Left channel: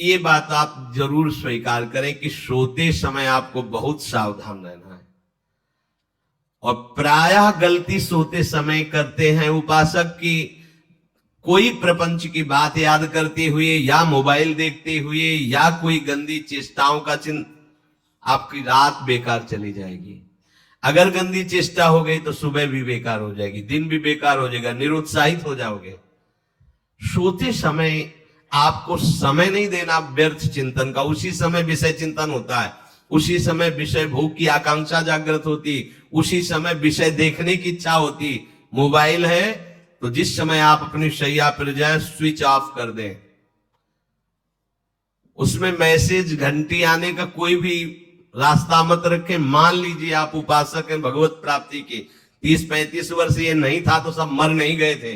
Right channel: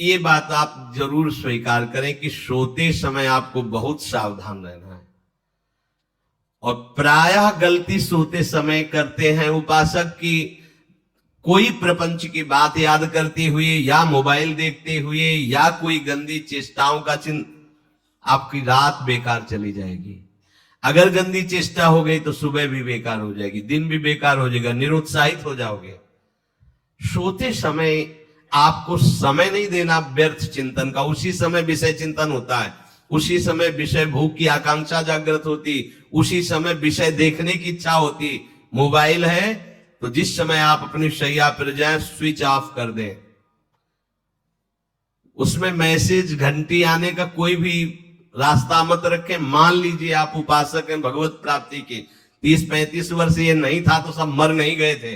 ये बात आप जरूर स्वीकार करें कि सोते समय आपको बहुत सावधान रहना है। और प्रायः गलती सोते समय करते हैं उपासक की, कोई प्रपंच की बात याद करते हुए या मोबाइल देखते हुए या कोई गंदी चेष्टाओं का चिंतन, आपकी रात बेकार चली जाएगी। अगर गंदी चेष्टा हो गई तो सुबह भी बेकार हो जाएगी, दिन भी बेकार हो जाएगा, निरुत्साहित हो जाओगे। सोते समय आपको समय नहीं देना व्यर्थ चिंतन का। उसी समय विषय चिंतन होता है, उसी समय विषय भोग की आकांक्षा जागृत होती, उसी समय विषय देखने की इच्छा होती। मोबाइल है तो जिस समय आप अपनी शैया पर जाए स्विच ऑफ कर दें। उसमें मैसेज घंटी आने का कोई भी रास्ता मत रखें। मान लीजिए आप उपासक हैं भगवत प्राप्ति के, 30-35 वर्ष ये नहीं था तो सब मर नहीं गए थे।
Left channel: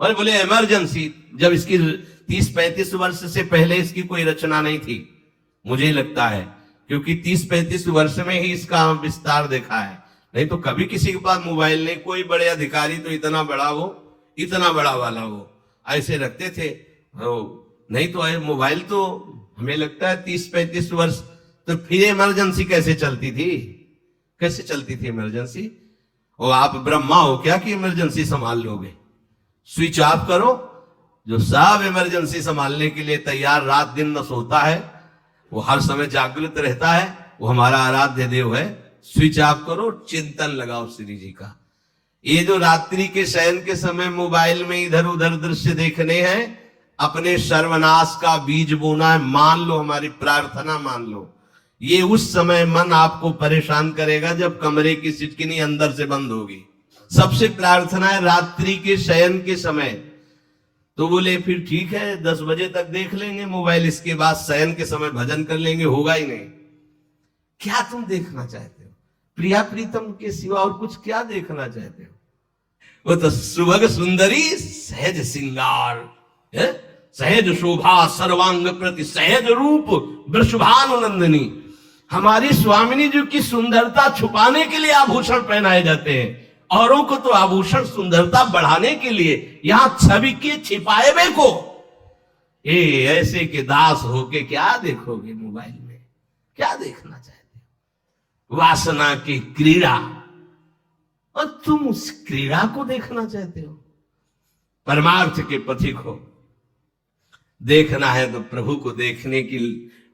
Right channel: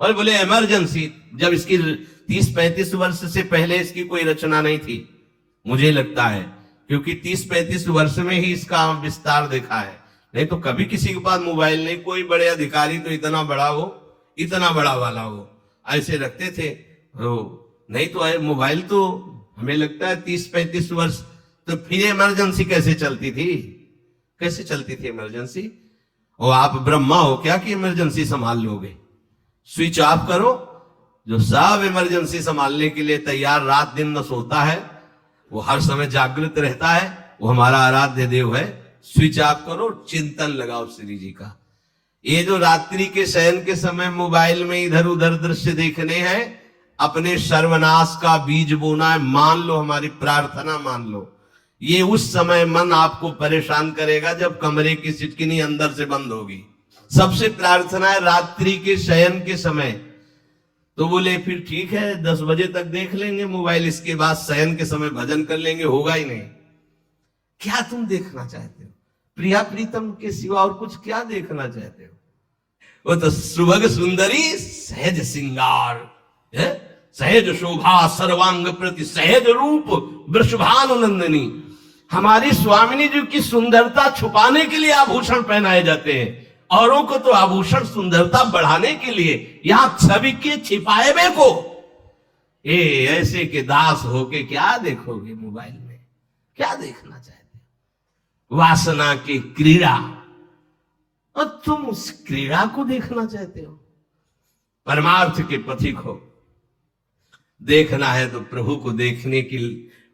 और बोले इमरजेंसी, जब इसकी 30-35 वर्ष से पहले इसकी कोई रचना नहीं थी, मुझे लगता है, क्योंकि 30-35 वर्ष में ही इसका विस्तार देखा है। नहीं तो कभी किसी के पास मोबाइल नहीं। कोई बड़े अधिकारी तो इतना बड़ा हो, इतना बड़ा वाला हो, ऐसे रखते थे। नहीं तो मोबाइल तो हमें लगता है 30-35 वर्ष। तो फिर इमरजेंसी कैसे चलती थी? कैसे चलती थी इमरजेंसी? और आप ब्रह्मा हो क्या कि इमरजेंसी संभाल लोगे? स्विच ऑफ करो। जो सब इमरजेंसी संभालने के लिए तैयार रात दिन न सोता है, वो हर समय जागृत रहता है, वो हमारा आराध्य देव है। स्विच ऑफ करो, चिंतन लगाओ श्री जी का। ये जो रात्रि के शयन के समय मोबाइल में इधर उधर दृश्य देखने हैं, अपने सर्वनाश का बीज बोना है। मान लो, हमारी प्रार्थना मान लो, ये उस समय मन आपको परेशान करेगा जब कमरे की सिटकिनी अंदर से बंद होगी। सबसे प्रार्थना है रात्रि के शयन के समय। तो बोले फिर ठीक है 10 बजे तक देख लेंगे मोबाइल, इसके बाद शयन के समय भजन कर लेंगे। होगा ही नहीं। क्या तुम देखना चाहते हो? प्रिया प्रीतम के सिवा और कुछ क्या देखना चाहते हो? वो तो सुभग सुंदरी सहज सिंगार है, सहज शोभा सर्वांग प्रति सहज रूप वृषभानुनंदिनी। हमारी स्वामिनी जी की सुंदरता छुपाने के लिए आभूषण पहनाए जाते हैं, औरों को तो आभूषण सुंदरता बढ़ाने के लिए। यहां छवि के छिपाए हुए को ऐसे के दास होके क्या देखोगे मोबाइल में? क्या देखना चाहते हो? वासना की क्रीड़ा, और तुम उस क्रीड़ा को देखना चाहते हो? परमार्थ के पथिक हो। देखना है तो प्रभु को देखने की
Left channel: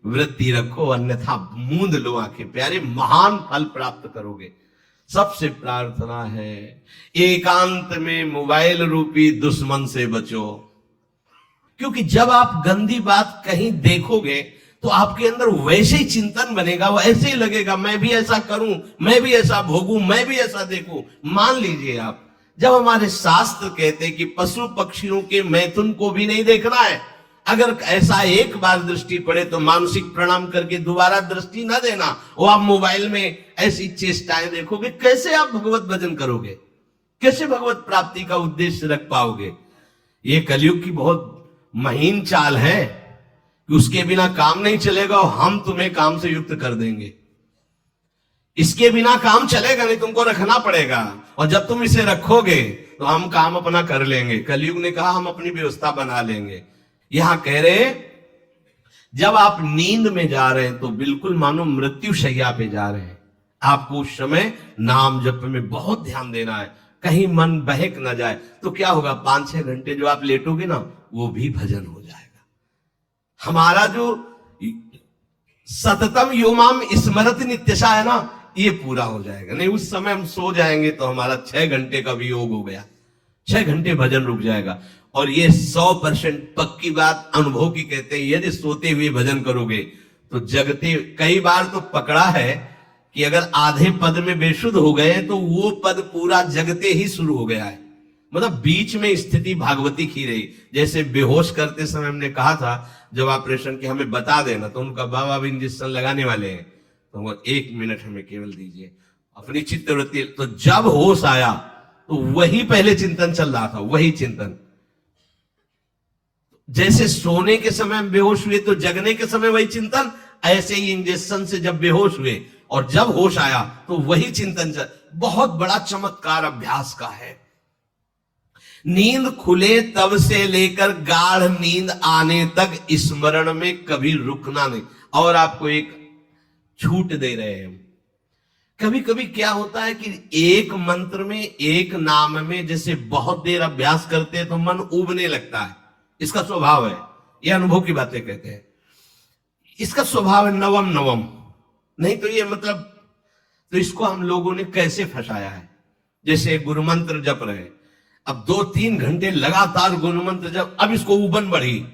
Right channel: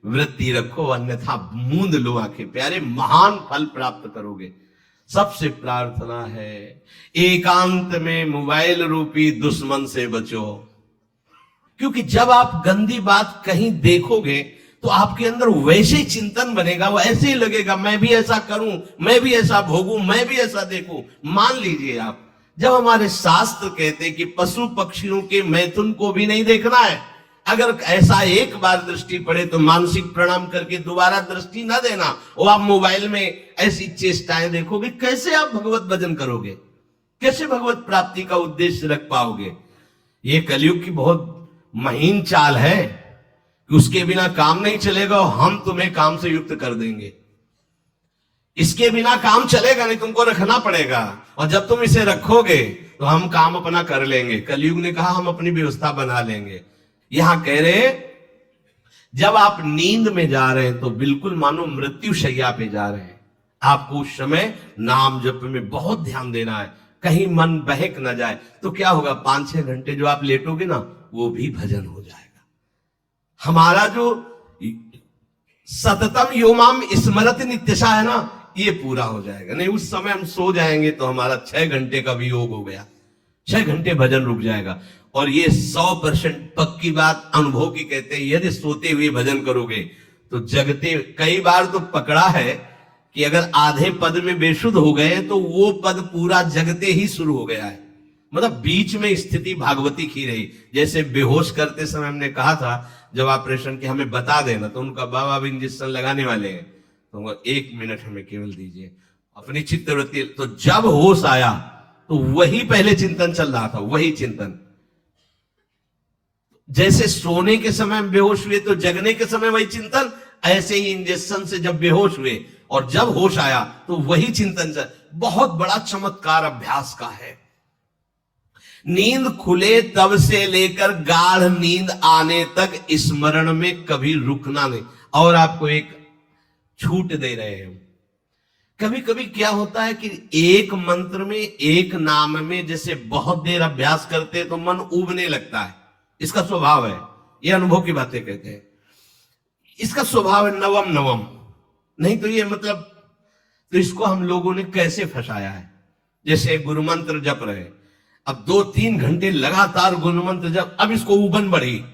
वृत्ति रखो, अन्यथा मूंद लो आंखें। प्यारे, महान फल प्राप्त करोगे। सबसे प्रार्थना है एकांत में मोबाइल रूपी दुश्मन से बचो। क्योंकि जब आप गंदी बात कहीं देखोगे तो आपके अंदर वैसे ही चिंतन बनेगा, वो ऐसे ही लगेगा मैं भी ऐसा करूं, मैं भी ऐसा भोगूं, मैं भी ऐसा देखूं। मान लीजिए आप, जब हमारे शास्त्र कहते कि पशु पक्षियों के मैथुन को भी नहीं देखना है, अगर ऐसा एक बार दृष्टि पड़े तो मानसिक प्रणाम करके दोबारा दृष्टि ना देना। और आप मोबाइल में ऐसी चेष्टाएं देखोगे, कैसे आप भगवत भजन करोगे? कैसे भगवत प्राप्ति का उद्देश्य रख पाओगे? ये कलयुग की बहुत महीन चाल है कि उसके बिना काम नहीं चलेगा और हम तुम्हें काम से युक्त कर देंगे। इसके बिना काम चलेगा नहीं, तुमको रखना पड़ेगा। और जब तुम इसे रखोगे तो हम काम अपना कर लेंगे। कलयुग ने कहा हम अपनी व्यवस्था बना लेंगे। यहां कह रहे जब आप नींद में जा रहे हैं तो बिल्कुल मानो मृत्यु शैया पे जा रहे हैं। आपको उस समय नाम जप में बहुत ध्यान देना है, कहीं मन बहक ना जाए। तो क्या होगा, 5-6 घंटे जो आप लेटोगे ना, वो भी भजन हो जाएगा। हमारा जो सततम योमाम स्मरति नित्यशा है ना, ये पूरा हो जाएगा। नहीं, उस समय हम सो जाएंगे तो हमारा 6 घंटे का भी योग हो गया, 6 घंटे भजन रुक जाएगा। और ये 100% पक्की बात अनुभव की कहते हैं, यदि सोते हुए भजन करोगे तो जगते। कई बार तो पकड़ा है कि अगर आधे पद में बेशुद्ध हो गए तो वो पद पूरा जगते ही शुरू हो गया है। मतलब बीच में स्थिति भागवती की रही। जैसे बेहोश करते समय हमने कहा था जब ऑपरेशन के हमें बता देना, तो उनका बाबा भी इंजेक्शन लगाने वाले हैं, तो 1 मिनट हमें केवल दीजिए, अपनी चित्तवृत्ति। तो जब होश आया तो वही पहले चिंतन चल रहा था, वही चिंतन। जैसे सोने के समय हम बेहोश हुए तो जगने के समय वही चिंतन, ऐसे ही इंजेक्शन से जब बेहोश हुए और जब होश आया तो वही चिंतन चल। बहुत बड़ा चमत्कार अभ्यास का है। नींद खुले तब से लेकर गाढ़ नींद आने तक स्मरण में कभी रुकना नहीं। और आपको एक छूट दे रहे हैं। कभी कभी क्या होता है कि एक मंत्र में, एक नाम में जैसे बहुत देर अभ्यास करते हैं तो मन उबने लगता है। इसका स्वभाव है, ये अनुभव की बातें कहते हैं। इसका स्वभाव है नवम नवम, नहीं तो ये मतलब, तो इसको हम लोगों ने कैसे फंसाया है। जैसे गुरु मंत्र जप रहे, अब 2-3 घंटे लगातार गुरु मंत्र जप, अब इसको उबन बढ़ी,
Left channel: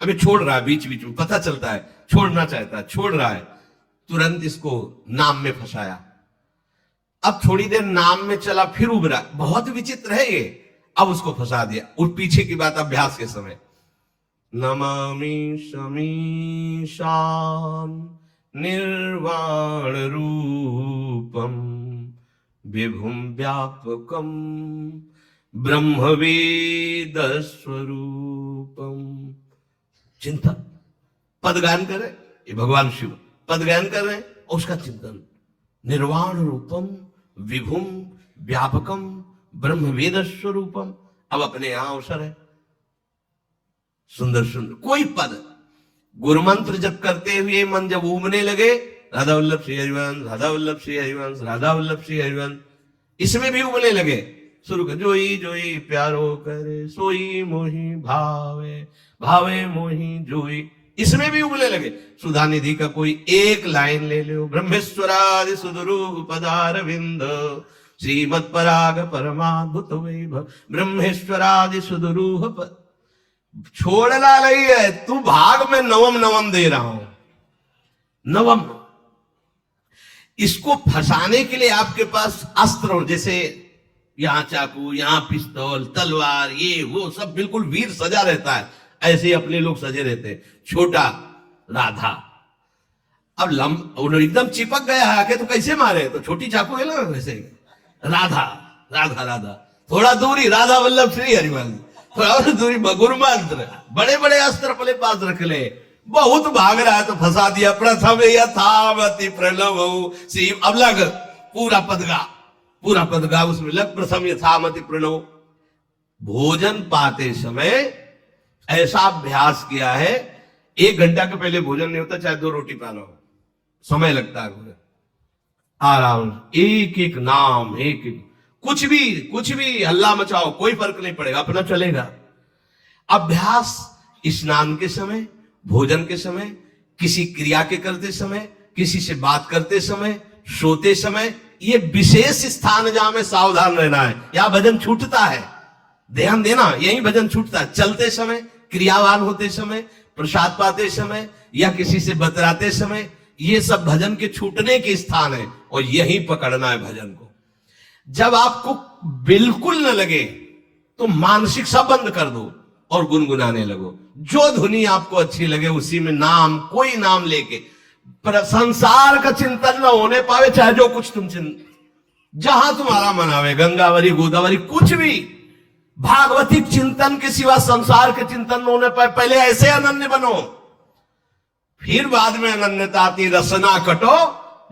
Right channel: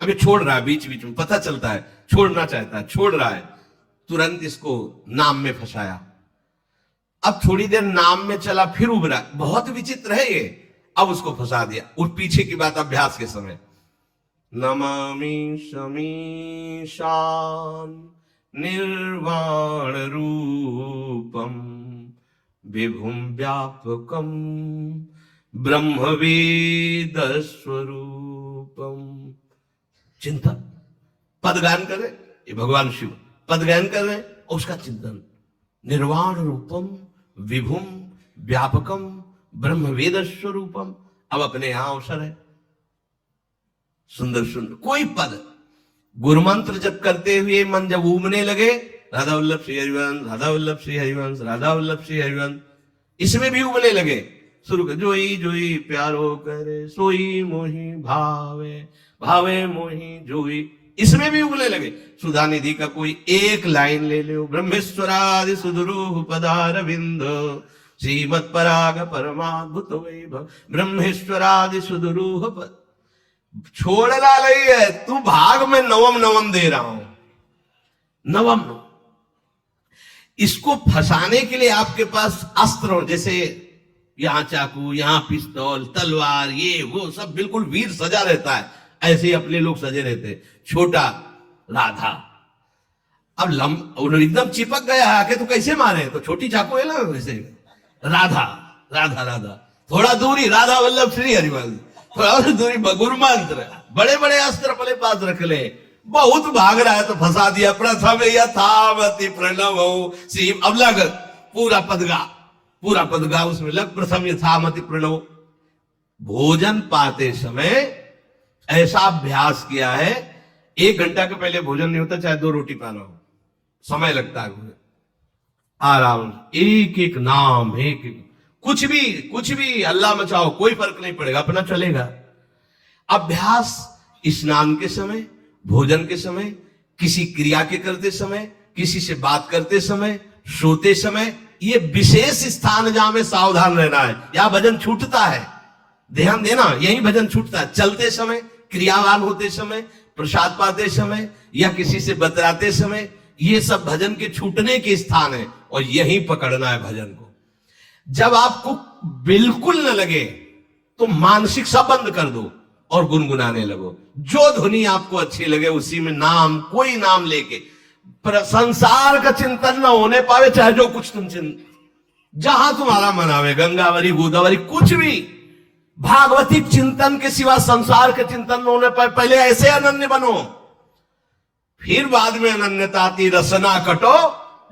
अभी छोड़ रहा है, बीच बीच में पता चलता है छोड़ना चाहता है, छोड़ रहा है, तुरंत इसको नाम में फंसाया। अब थोड़ी देर नाम में चला, फिर उबरा, बहुत विचित्र है ये। अब उसको फंसा दिया, उस पीछे की बात अभ्यास के समय। नमामि समीशान निर्वाण रूपम विभुम व्यापकम ब्रह्मवेद स्वरूपम। चिंतन, पद गायन कर रहे, ये भगवान शिव पद गायन कर रहे हैं, उसका चिंतन। निर्वाण रूपम विभुम व्यापकम ब्रह्मवेद स्वरूपम। अब अपने यहां अवसर है, सुंदर सुंदर कोई पद गुरु मंत्र जब करते हुए मन जब उबने लगे, राधा वल्लभ श्री हरिवंश, राधा वल्लभ श्री हरिवंश, राधा वल्लभ श्री हरिवंश, इसमें भी उबने लगे। शुरू कर, जोई जोई प्यारो करे सोई मोही भावे, भावे मोही जोई, इसमें भी उबले लगे। सुधा निधि का कोई एक लाइन ले लो, ब्रह्मेश्वरादि सुदरूप पदारविंद श्रीमद पराग परमाद्भुत वैभव, ब्रह्मेश्वरादि सुदरूप। छोड़ना नहीं है, तू भाग में नवम नवम दे रहा हूं, नवम। इसको फंसाने के लिए आपके पास अस्त्र हो, जैसे यहां चाकू, यहां पिस्तौल, तलवार, ये वो सब बिल्कुल वीर सजा रहता है, ऐसे ही अपने लोग सजे रहते हैं। छोटा राधा, अब एकदम चिपक गया आके तो कैसे मारे, तो छोटी चाकू है ना वैसे। राधा राधा राधा, थोड़ा दूरी राधा वल्लभ श्री हरिवंश, थोड़ा दूरी गुरु मंत्र, बड़े बड़े अस्त्र अपने पास रख ले। बहुत भाग रहा है तो फंसा दिया। प्रथम यथावति प्रणव शिव, अब लग पूरा पदगा, पूरा पदगा उसमें लग, प्रथम यथावति प्रणव। भोजन पाते समय ऐसा अभ्यास किया है, 1 घंटा के पहले भोजन नहीं होता, चाहे 2 रोटी पाना हो, समय लगता है। आराम, एक एक नाम, एक एक, कुछ भी हल्ला मचाओ, कोई फर्क नहीं पड़ेगा, अपना चलेगा। अभ्यास स्नान के समय, भोजन के समय, किसी क्रिया के करते समय, किसी से बात करते समय, सोते समय, ये विशेष स्थान जहां में सावधान रहना है। यहां भजन छूटता है, ध्यान देना, यही भजन छूटता है। चलते समय, क्रियावान होते समय, प्रसाद पाते समय या किसी से बतलाते समय, ये सब भजन के छूटने के स्थान है, और यही पकड़ना है भजन को। जब आपको बिल्कुल न लगे तो मानसिक सब बंद कर दो और गुनगुनाने लगो। जो धुनी आपको अच्छी लगे उसी में नाम, कोई नाम लेके, संसार का चिंतन न होने पावे, चाहे जो कुछ तुम जहां तुम्हारा मन आवे, गंगावरी गोदावरी, कुछ भी भागवती चिंतन के सिवा संसार के चिंतन न होने पाए। पहले ऐसे अनन्य बनो, फिर बाद में अनन्यता आती। रसना कटो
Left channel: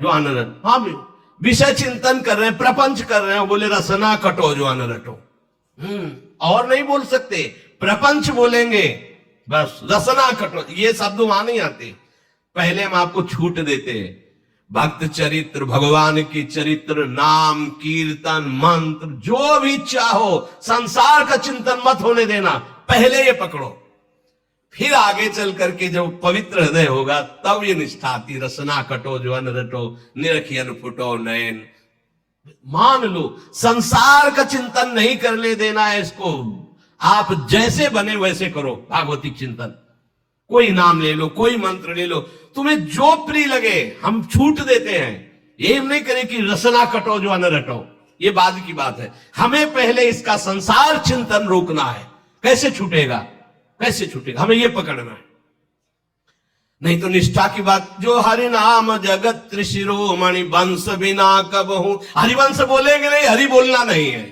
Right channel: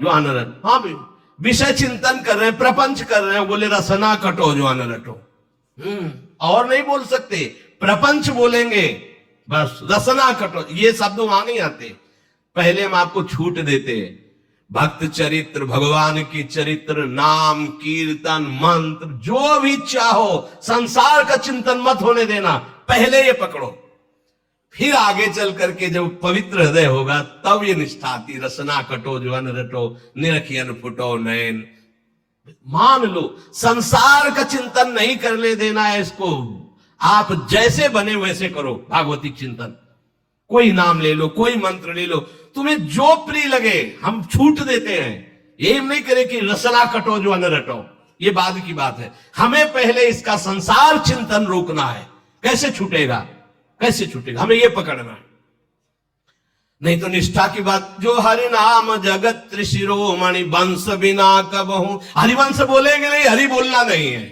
जो अनरट, हाँ भी विषय चिंतन कर रहे हैं, प्रपंच कर रहे हैं, बोले रसना कटो जो अनरटो। और नहीं बोल सकते, प्रपंच बोलेंगे बस, रसना कटो, ये शब्द वहां नहीं आते। पहले हम आपको छूट देते हैं। भक्त चरित्र, भगवान की चरित्र, नाम, कीर्तन, मंत्र, जो भी चाहो, संसार का चिंतन मत होने देना, पहले ये पकड़ो। फिर आगे चल करके जब पवित्र हृदय होगा तब ये निष्ठा आती। रसना कटो जो अन रटो, निरखियन फुटो नैन। मान लो संसार का चिंतन नहीं करने देना है इसको, आप जैसे बने वैसे करो भागवती चिंतन। कोई नाम ले लो, कोई मंत्र ले लो, तुम्हें जो प्रिय लगे। हम छूट देते हैं, ये नहीं करें कि रसना कटो जो अन रटो, ये बाद की बात है। हमें पहले इसका संसार चिंतन रोकना है। कैसे छूटेगा, कैसे छूटेगा, हमें ये पकड़ना है। नहीं तो निष्ठा की बात, जो हरि नाम जगत त्रिशिरोमणि वंश बिना कबहू। हरिवंश बोलेंगे नहीं, हरि बोलना नहीं है,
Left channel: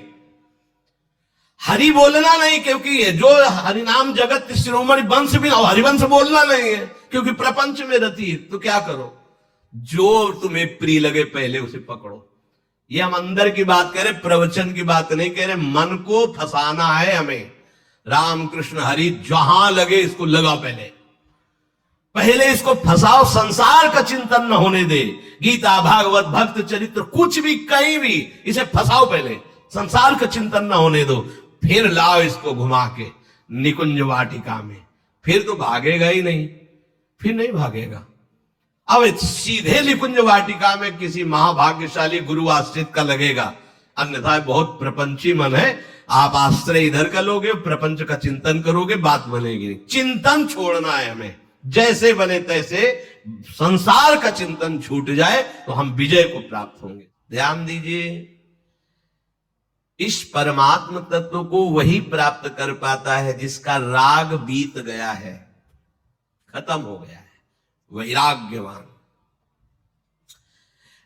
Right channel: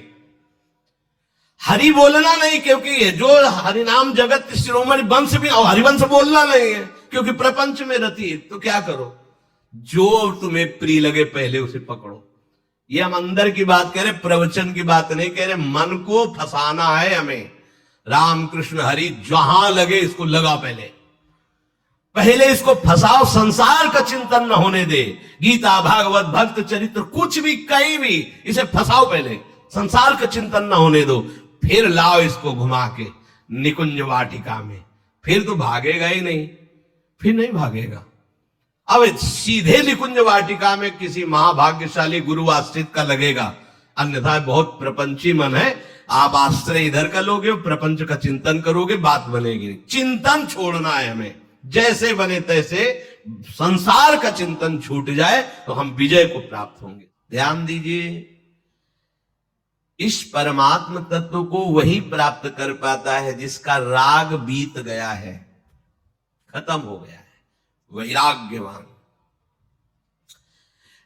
हरि बोलना नहीं, क्योंकि जो हरिनाम जगत शिरोमणि वंश भी, हरिवंश बोलना नहीं है क्योंकि प्रपंच में रहती है। तो क्या करो, जो तुम्हें प्रिय लगे पहले उसे पकड़ो। ये हम अंदर की बात कह रहे, प्रवचन की बात नहीं कह रहे। मन को फंसाना है हमें। राम कृष्ण हरि जहां लगे इसको लगा, पहले इसको फंसाओ, संसार का चिंतन न होने दे। गीता भागवत भक्त चरित्र कुछ भी कहीं भी इसे फंसाओ, पहले संसार का चिंतन न होने दो, फिर लाओ इसको घुमा के निकुंज वाटिका में, फिर तो भागेगा ही नहीं, फिर नहीं भागेगा। अब सीधे निकुंज वाटिका में किसी महाभाग्यशाली गुरु आश्रित का लगेगा, अन्यथा बहुत प्रपंची मन है। आप आश्रय इधर का लोगे, प्रपंच का चिंतन करोगे, बात बनेगी। चिंतन छोड़ना है हमें, जैसे बने तैसे संसार का चिंतन छूट जाए तो हम विजय को प्राप्त होंगे। ध्यान दीजिए, इस परमात्म तत्व को वही प्राप्त कर पाता है जिसका राग बीत गया है, खत्म हो गया है, वैराग्यवान।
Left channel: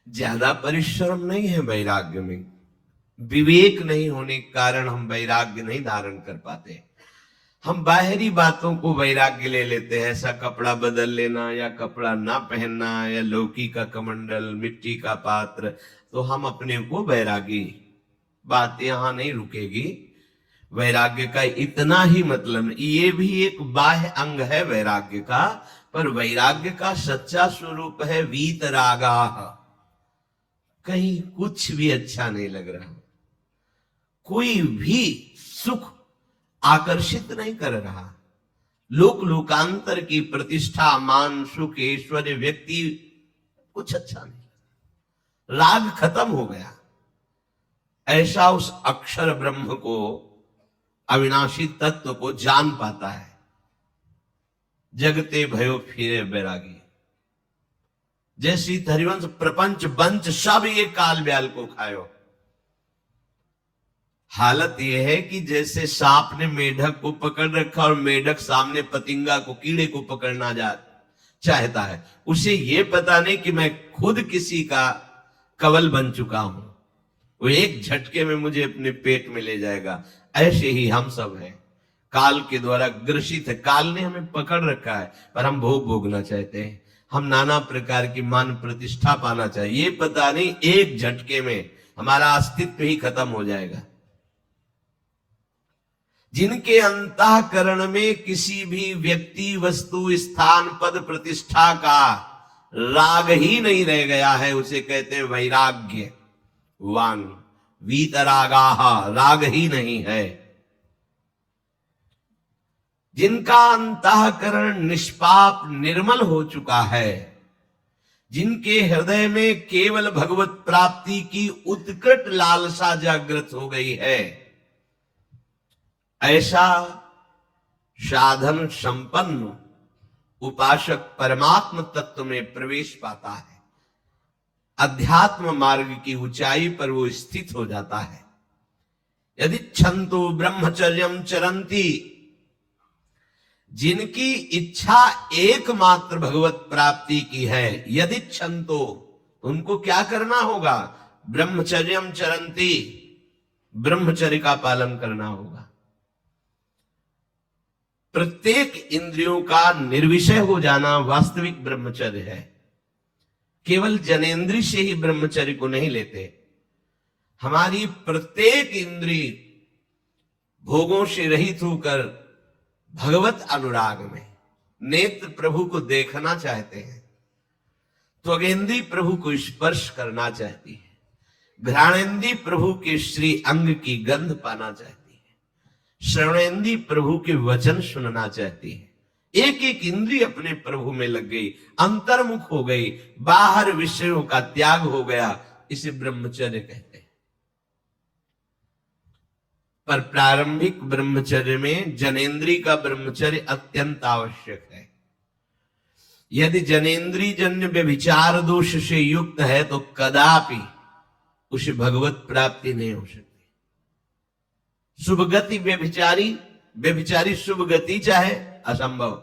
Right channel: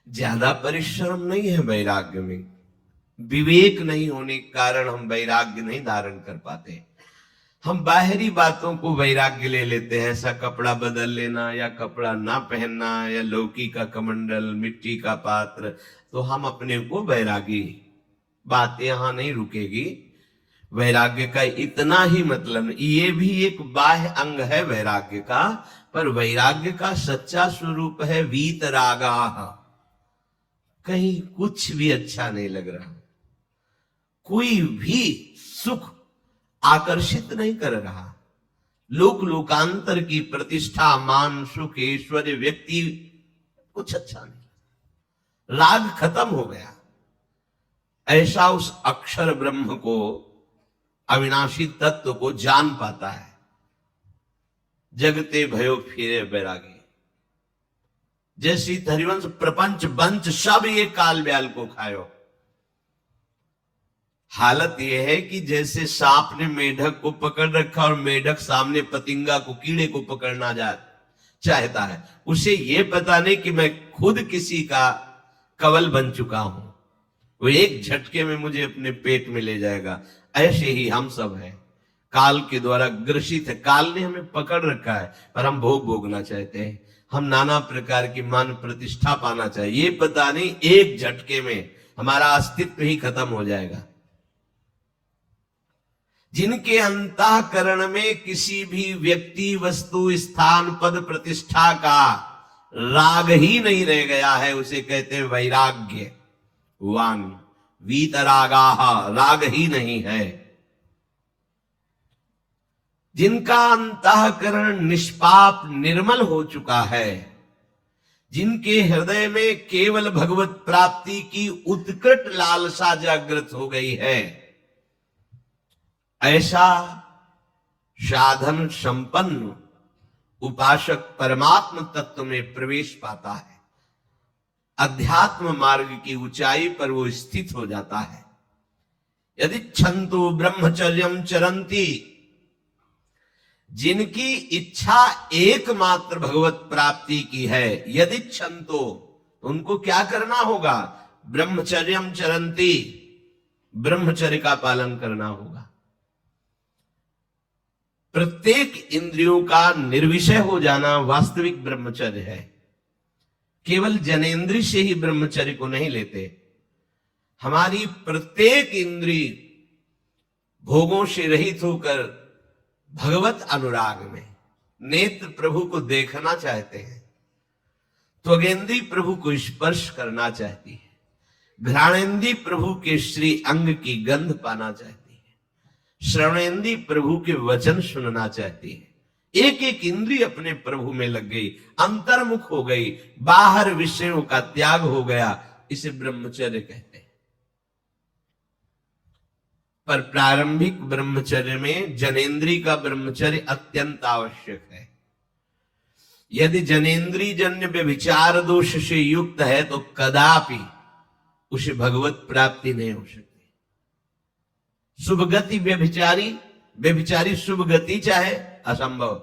ज्यादा परिश्रम नहीं है वैराग्य में, विवेक नहीं होने के कारण हम वैराग्य नहीं धारण कर पाते। हम बाहरी बातों को वैराग्य ले लेते हैं, ऐसा कपड़ा बदल लेना या कपड़ा ना पहनना या लौकी का कमंडल, मिट्टी का पात्र, तो हम अपने को वैरागी। बात यहां नहीं रुकेगी। वैराग्य का इतना ही मतलब, ये भी एक बाह्य अंग है वैराग्य का, पर वैराग्य का सच्चा स्वरूप है वीतरागा। कहीं कुछ भी अच्छा नहीं लग रहा, कोई भी सुख आकर्षित नहीं कर रहा, लोक लोकांतर की प्रतिष्ठा, मान, सुख, ऐश्वर्य, व्यक्ति कुछ अच्छा नहीं, राग खत्म हो गया। ऐसा उस अक्षर ब्रह्म को, अविनाशी तत्व को जान पाता है। जगते भयो फिरे बैरागी, जैसी हरिवंश प्रपंच बंच सब ये काल ब्याल को खायो। हालत यह है कि जैसे सांप ने मेढक को पकड़ रखा और मेढक सामने पतिंगा को, कीड़े को पकड़ना चाहता है, उसे ये पता नहीं कि मैं खुद किसी का कवल बन चुका हूं, वो एक झटके में मुझे अपने पेट में ले जाएगा। ऐसे ही हम सब हैं, काल के द्वारा ग्रसित है। काल ने हमें पकड़ रखा है, पर हम भोग भोगना चाहते हैं, हम नाना प्रकार की मान प्रतिष्ठा पाना चाहिए। ये पता नहीं एक झटके में हमारा अस्तित्व ही खत्म हो जाएगा। जिनके अंतःकरण में किसी भी व्यक्ति, वस्तु, स्थान, पद, प्रतिष्ठा का राग ही नहीं रह गया है, उसे कहते हैं वैराग्य वान। वीतरागाहा, राग ही नहीं है। जिनका अंतःकरण निष्पाप निर्मल हो चुका है, जिनके हृदय में केवल भगवत प्राप्ति की उत्कट लालसा जागृत हो गई है, ऐसा साधन संपन्न उपासक परमात्म तत्व में प्रवेश पाता है। अध्यात्म मार्ग की ऊंचाई पर वो स्थित हो जाता है। यदि छंतो ब्रह्मचर्यम चरंती, जिनकी इच्छा एकमात्र भगवत प्राप्ति की है, यदि छंतो, उनको क्या करना होगा? ब्रह्मचर्यम चरंती, ब्रह्मचर्य का पालन करना होगा। प्रत्येक इंद्रियों का निर्विषय हो जाना वास्तविक ब्रह्मचर्य है। केवल जनेन्द्रिय से ही ब्रह्मचर्य को नहीं लेते। हमारी प्रत्येक इंद्रिय भोगों से रहित होकर भगवत अनुराग में, नेत्र प्रभु को देखना चाहते हैं, त्वगेंद्री प्रभु को स्पर्श करना चाहती है, घ्राणेन्द्री प्रभु के श्री अंग की गंध पाना चाहती है, श्रवणेन्द्री प्रभु के वचन सुनना चाहती है। एक एक इंद्रिय अपने प्रभु में लग गई, अंतर्मुख हो गई, बाहर विषयों का त्याग हो गया। इसे ब्रह्मचर्य कहते हैं। पर प्रारंभिक ब्रह्मचर्य में जनेन्द्रिय का ब्रह्मचर्य अत्यंत आवश्यक है। यदि जनेन्द्रिय जन्य व्यभिचार दोष से युक्त है तो कदापि उसे भगवत प्राप्ति नहीं हो सकती। शुभ गति व्यभिचारी शुभ गति चाहे, असंभव।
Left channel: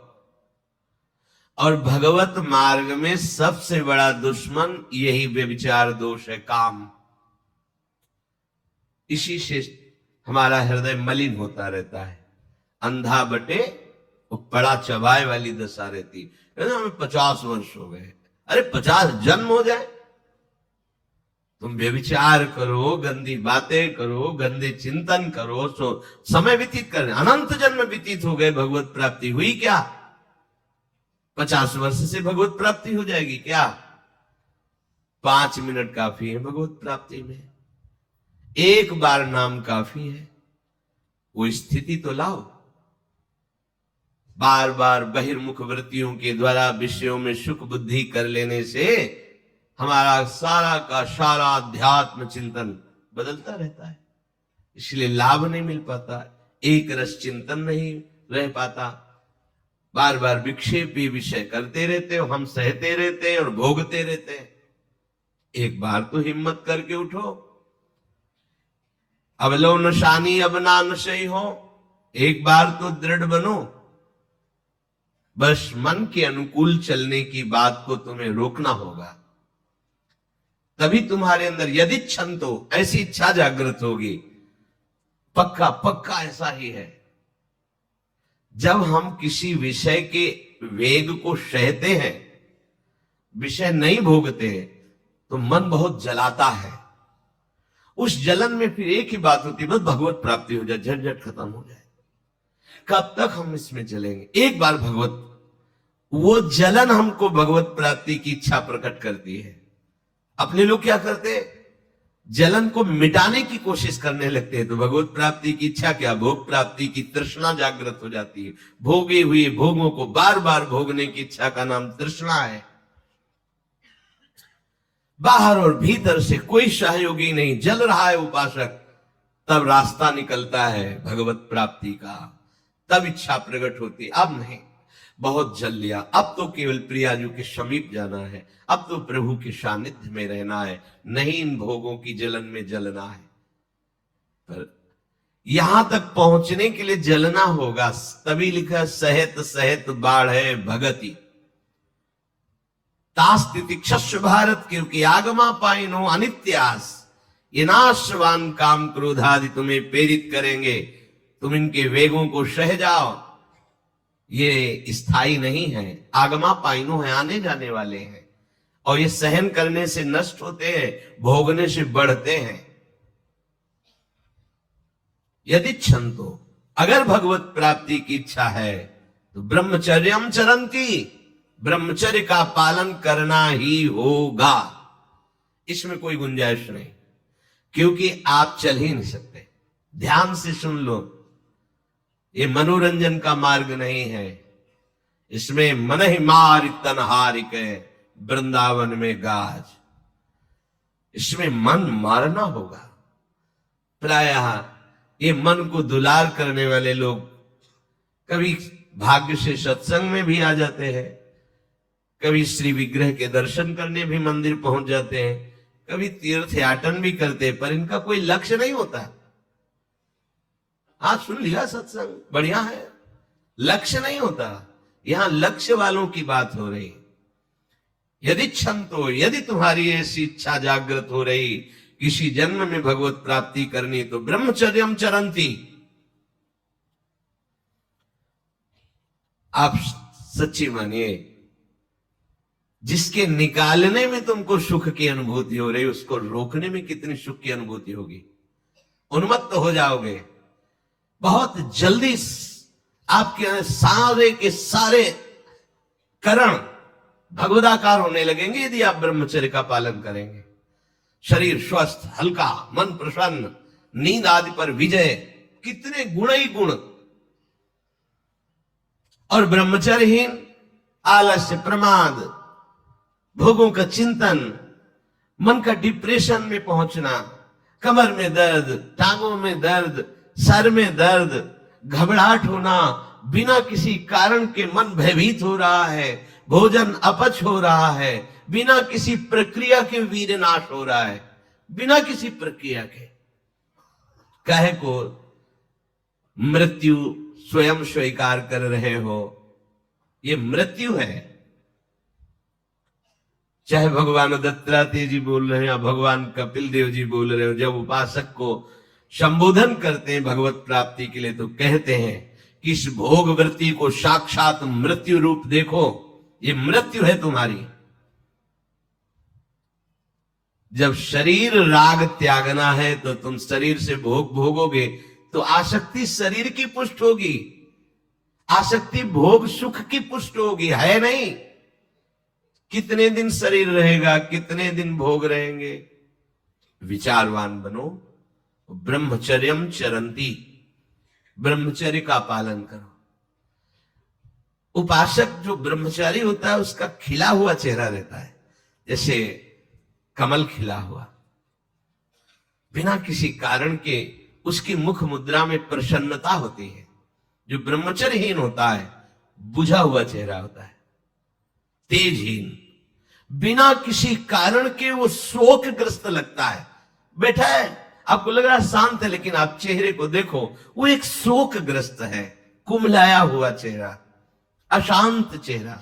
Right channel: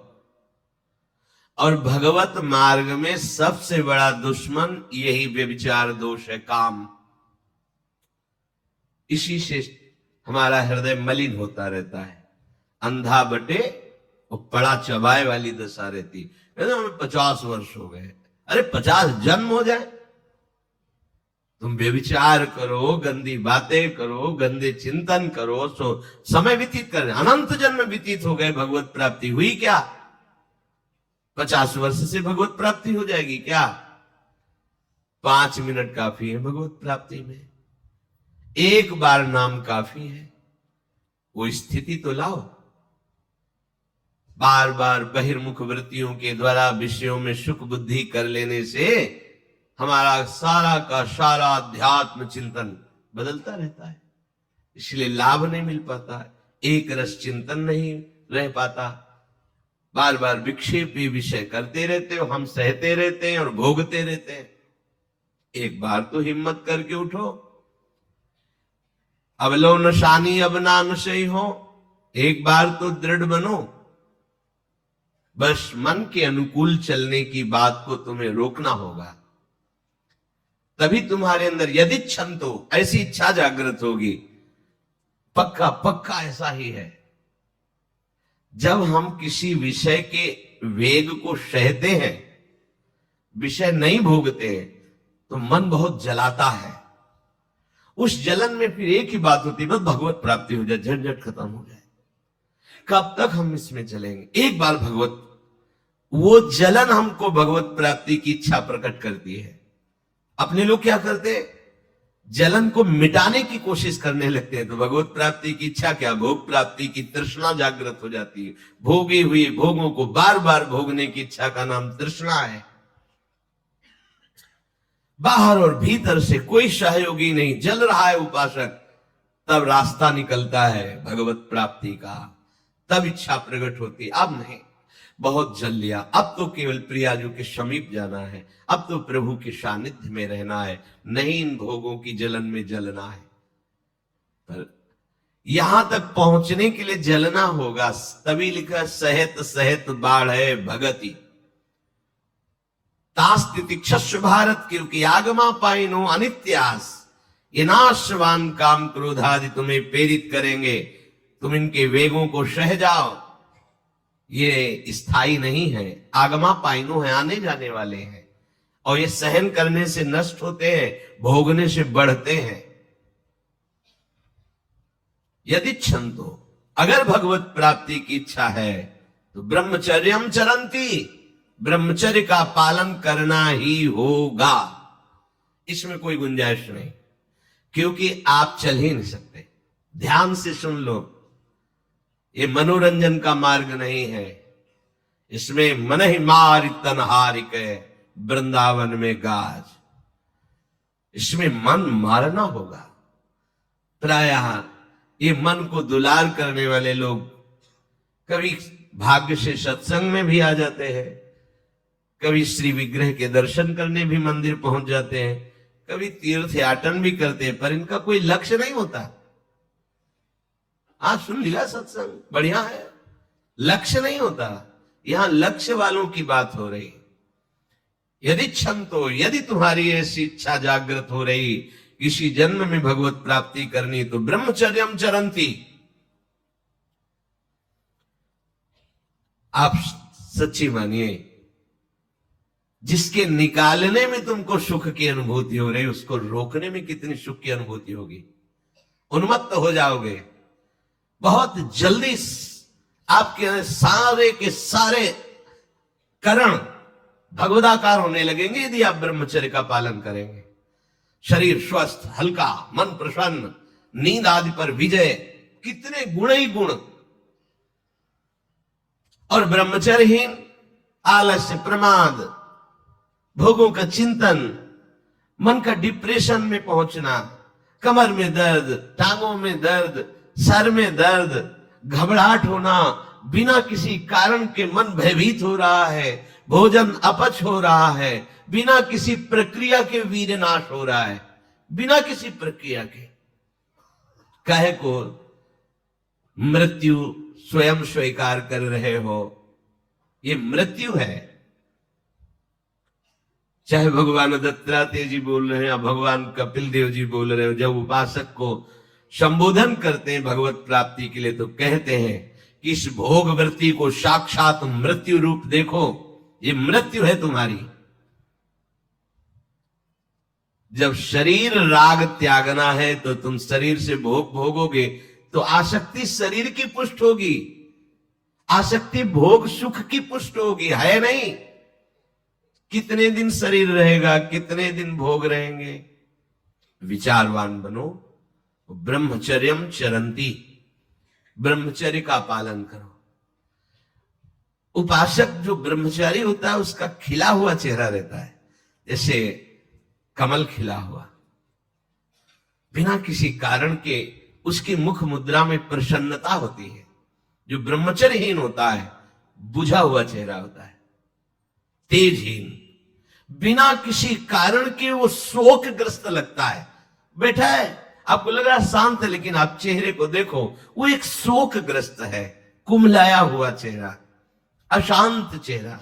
और भगवत मार्ग में सबसे बड़ा दुश्मन यही व्यभिचार दोष है, काम। इसी से हमारा हृदय मलिन होता रहता है। अंधा बटे और पड़ा चबाए वाली दशा रहती। हमें 50 वर्ष हो गए, अरे 50 जन्म हो जाए तुम व्यभिचार करो, गंदी बातें करो, गंदे चिंतन करो, सो समय व्यतीत कर, अनंत जन्म व्यतीत हो गए, भगवत प्राप्ति हुई क्या? 50 वर्ष से भगवत प्राप्ति हो जाएगी क्या? 5 मिनट काफी है भगवत प्राप्ति में, एक बार नाम काफी है। वो स्थिति तो लाओ। बार बार बहिर्मुख वृत्तियों के द्वारा विषयों में सुख बुद्धि कर लेने से हमारा सारा का सारा अध्यात्म चिंतन बदलता रहता है, इसलिए लाभ नहीं मिल पाता, एक रस चिंतन नहीं रह पाता। बार बार विक्षेपी विषय करते रहते हो, हम सहते रहते हैं और भोगते रहते हैं। एक बार तो हिम्मत करके उठो, अब लो नशानी अब ना नशई हो, एक बार तो दृढ़ बनो। बस मन के अनुकूल चलने की बात को तुम्हें रोकना होगा, तभी तुम्हारे अंदर यदि क्षंतो ऐसी इच्छा जागृत होगी। पक्का पक्का ऐसा ही है, जब हम किसी विषय के वेग को सहते हैं, विषय नहीं भोगते, तो मन बहुत जलाता है। उस जलन में फिर एक ही बात होती है, बस भगवत प्राप्ति हो जाए, झंझट खत्म हो जाए। कब तक हम इसमें चलेंगे? एक बार भगवत, वो जलन हमको भगवत प्राप्ति की इच्छा प्रकट करती है। अपने लोग क्या करते, जलन को मिटाने की कोशिश करने लगते हैं, तो भगवत प्राप्ति की इच्छा क्या, भोग प्राप्ति की तृष्णा जागृत हो जाती है। भोगी हुई भोगों को बार बार भोगने की इच्छा का नाम तृष्णा है। बाहर और भीतर से कोई सहयोगी नहीं, जल रहा है उपासक, तब रास्ता निकलता है भगवत प्राप्ति का, तब इच्छा प्रकट होती। अब नहीं, बहुत जल लिया, अब तो केवल प्रियाजू के समीप जाना है, अब तो प्रभु के सानिध्य में रहना है, नहीं इन भोगों की जलन में जलना है। पर यहां तक पहुंचने के लिए जलना होगा, तभी लिखा सहित सहित बाढ़ है भगति तास्तितिक्षस्व भारत, क्योंकि आगमा पाइनो अनित्यास, ये नाशवान काम क्रोधादि तुम्हें प्रेरित करेंगे, तुम इनके वेगों को सह जाओ, ये स्थायी नहीं है। आगमा पाइनो है, आने जाने वाले हैं, और ये सहन करने से नष्ट होते हैं, भोगने से बढ़ते हैं। यदि क्षंतो, अगर भगवत प्राप्ति की इच्छा है तो ब्रह्मचर्यम चरंती, ब्रह्मचर्य का पालन करना ही होगा, इसमें कोई गुंजाइश नहीं, क्योंकि आप चल ही नहीं सकते। ध्यान से सुन लो, ये मनोरंजन का मार्ग नहीं है, इसमें मन ही मार तन हारिक है वृंदावन में गाज, इसमें मन मारना होगा। प्रायः ये मन को दुलार करने वाले लोग कभी भाग्य से सत्संग में भी आ जाते हैं, कभी श्री विग्रह के दर्शन करने भी मंदिर पहुंच जाते हैं, कभी तीर्थ याटन भी करते हैं, पर इनका कोई लक्ष्य नहीं होता। आज सुन लिया सत्संग, बढ़िया है, लक्ष्य नहीं होता। यहां लक्ष्य वालों की बात हो रही। यदि क्षमतो, यदि तुम्हारी ऐसी इच्छा जागृत हो रही किसी जन्म में भगवत प्राप्ति करनी, तो ब्रह्मचर्यम चरंती, आप सच्ची मानिए, जिसके निकालने में तुमको सुख की अनुभूति हो रही, उसको रोकने में कितनी सुख की अनुभूति होगी। उन्मत्त हो जाओगे, बहुत जल्दी आपके सारे के सारे करण भगवदाकार होने लगेंगे यदि आप ब्रह्मचर्य का पालन करेंगे। शरीर स्वस्थ, हल्का, मन प्रसन्न, नींद आदि पर विजय, कितने गुण ही गुण। और ब्रह्मचर्यहीन आलस्य, प्रमाद, भोगों का चिंतन, मन का डिप्रेशन में पहुंचना, कमर में दर्द, टांगों में दर्द, सर में दर्द, घबराहट होना, बिना किसी कारण के मन भयभीत हो रहा है, भोजन अपच हो रहा है, बिना किसी प्रक्रिया के वीर नाश हो रहा है, बिना किसी प्रक्रिया के। काहे को मृत्यु स्वयं स्वीकार कर रहे हो, ये मृत्यु है। चाहे भगवान दत्तात्रेय जी बोल रहे हैं या भगवान कपिल देव जी बोल रहे हो, जब उपासक को संबोधन करते हैं भगवत प्राप्ति के लिए, तो कहते हैं कि इस भोग वृत्ति को साक्षात मृत्यु रूप देखो, ये मृत्यु है तुम्हारी। जब शरीर राग त्यागना है तो तुम शरीर से भोग भोगोगे तो आसक्ति शरीर की पुष्ट होगी, आसक्ति भोग सुख की पुष्ट होगी, है नहीं? कितने दिन शरीर रहेगा, कितने दिन भोग रहेंगे? विचारवान बनो। ब्रह्मचर्यम चरंती, ब्रह्मचर्य का पालन करो। उपासक जो ब्रह्मचारी होता है उसका खिला हुआ चेहरा रहता है, जैसे कमल खिला हुआ, बिना किसी कारण के उसकी मुख मुद्रा में प्रसन्नता होती है। जो ब्रह्मचर्यहीन होता है बुझा हुआ चेहरा होता है, तेजहीन, बिना किसी कारण के वो शोकग्रस्त लगता है। बैठा है, आपको लग रहा है शांत है, लेकिन आप चेहरे को देखो, वो एक शोकग्रस्त है, कुमलाया हुआ चेहरा, अशांत चेहरा।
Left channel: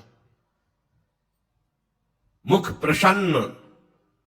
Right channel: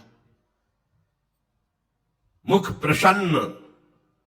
मुख प्रसन्न,